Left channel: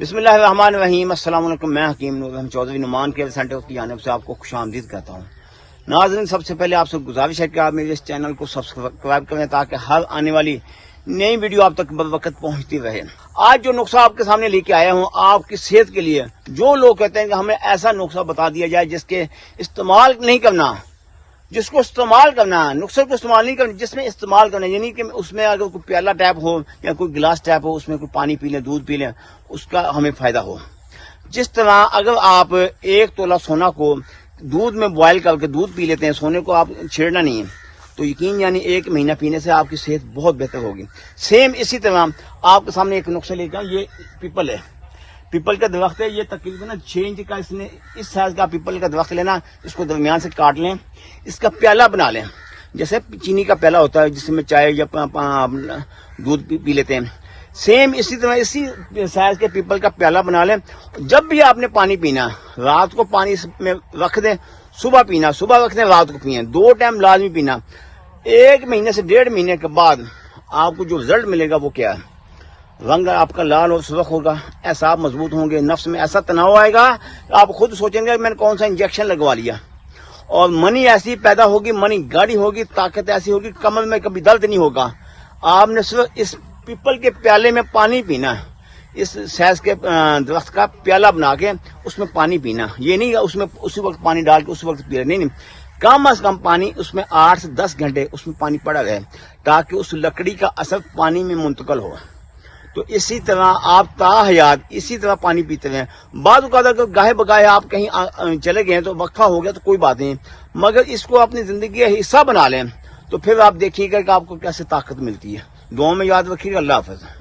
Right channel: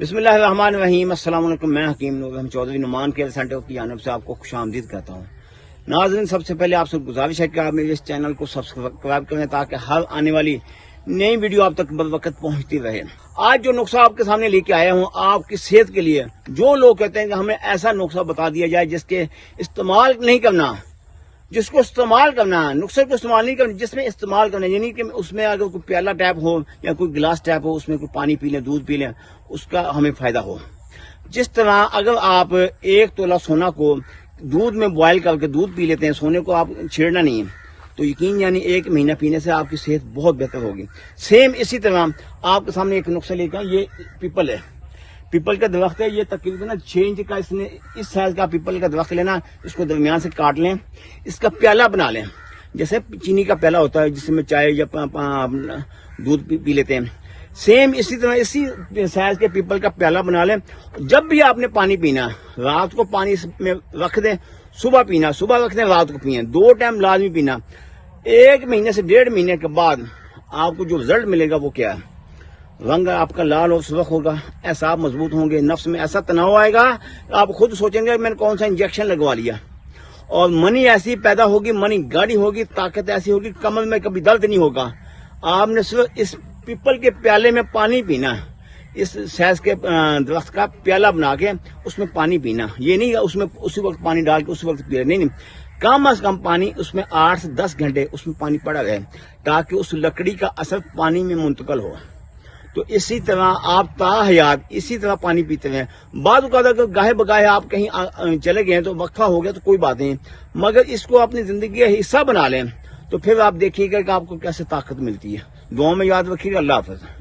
بسم اللہ الرحمن الرحیم۔ السلام علیکم، میں حکیم نور چودھری نعمان کیئر سینٹر کی جانب سے آپ کو خوش آمدید کہتا ہوں۔ ناظرین، سب سے پہلے آپ سے گزارش ہے کہ آپ میرے اس چینل کو سبسکرائب کریں تاکہ ہر آنے والی نئی ویڈیو آپ تک بروقت پہنچتی رہے۔ آج جو نسخہ آپ کے سامنے لے کے آیا ہوں آپ کی صحت کے لیے، جو لوگ کہتے ہیں کہ ہمیں ایسا نسخہ بتا دیا جائے جس کے استعمال نہیں کرنا، جس کو استعمال کرنا ہے، نسخے کو استعمال نہیں کرنا، جس میں استعمال کرنا، یعنی کہ اس میں اگر کوئی پیالہ ٹائپ ہو یا کوئی گلاس ٹائپ ہو، اس میں کوئی پانی پی لیں، دودھ پی لیں، اس کا ہمیں فائدہ ہو۔ جس طرح اگر آپ 1 تولہ سونا کو دودھ میں بوائل کر کے دودھ پی لیتے ہیں، سونے کو آپ چھیڑنا نہیں ہے، تو یقین یعنی 1 مہینہ پینے سے آپ کی صحت بہت بہتر ہوگی۔ سیم اسی طرح آپ کے سامنے ایک نسخہ لے کے آؤں، یہ پیپل ہے، پیپل کا درخت ہے، یہ تقریباً 6 انچ کا، اس سائز کا پیپل کا درخت لینا، اس کو درمیان سے کاٹ لیں، اس کا پیالہ بنا لیں، جیسے چینی کا پیالہ ہوتا ہے جس میں چائے یا دودھ پی لیتے ہیں، سیم اسی طرح اسی سائز کے پیپل کا پیالہ بنا لیں۔ جب بھی آپ نے پانی پینا، رات کو پانی اس میں رکھ دیں، صبح پینا، صبح رکھ دیں، رات کو پئیں، 2 ٹائم لازمی پینا۔ 1 مہینے سے 1.5 مہینے کے بعد آپ کو جو رزلٹ ملے گا وہ کیا ہے؟ رنگ آپ کا لال اور سرخ ہوگا، اعصاب مضبوط ہوں گے، نفس میں ایسا تناؤ آئے گا کہ آپ خود سوچیں گے میں نے کون سا انجیکشن لگوا لیا، اور منی ایسی پیدا ہوگی، منی گاڑی ہوگی، طاقت ایسی ہوگی، کمر میں کبھی درد نہیں ہوگا۔ آپ نے صرف اس پیپل کے پیالے میں پانی پینا، اس سائز کے درخت کا پیالہ بنا کے اس میں پانی پینا، یہ نہیں اس میں اسی وقت پانی ڈال کے اسی وقت پی نہیں، کم از کم پانی اس میں 8 سے 10 گھنٹے اس میں پانی پڑا رہے تاکہ اس لکڑی کا اثر پانی میں منتقل ہو۔ تو اسی طرح آپ تا حیات اسی طرح پانی پیتے ہیں۔ بعض اوقات اگر گاہے بگاہے آپ کہیں چلے گئے تو وقفہ ہو گیا تو کوئی بات نہیں، مگر اس کو اپنی زندگی کا حصہ بنا لیں تو پھر آپ دیکھیے گا کہ آپ کو کیسے طاقت ملتی ہے۔ دعاؤں میں یاد رکھیے گا۔ اللہ حافظ۔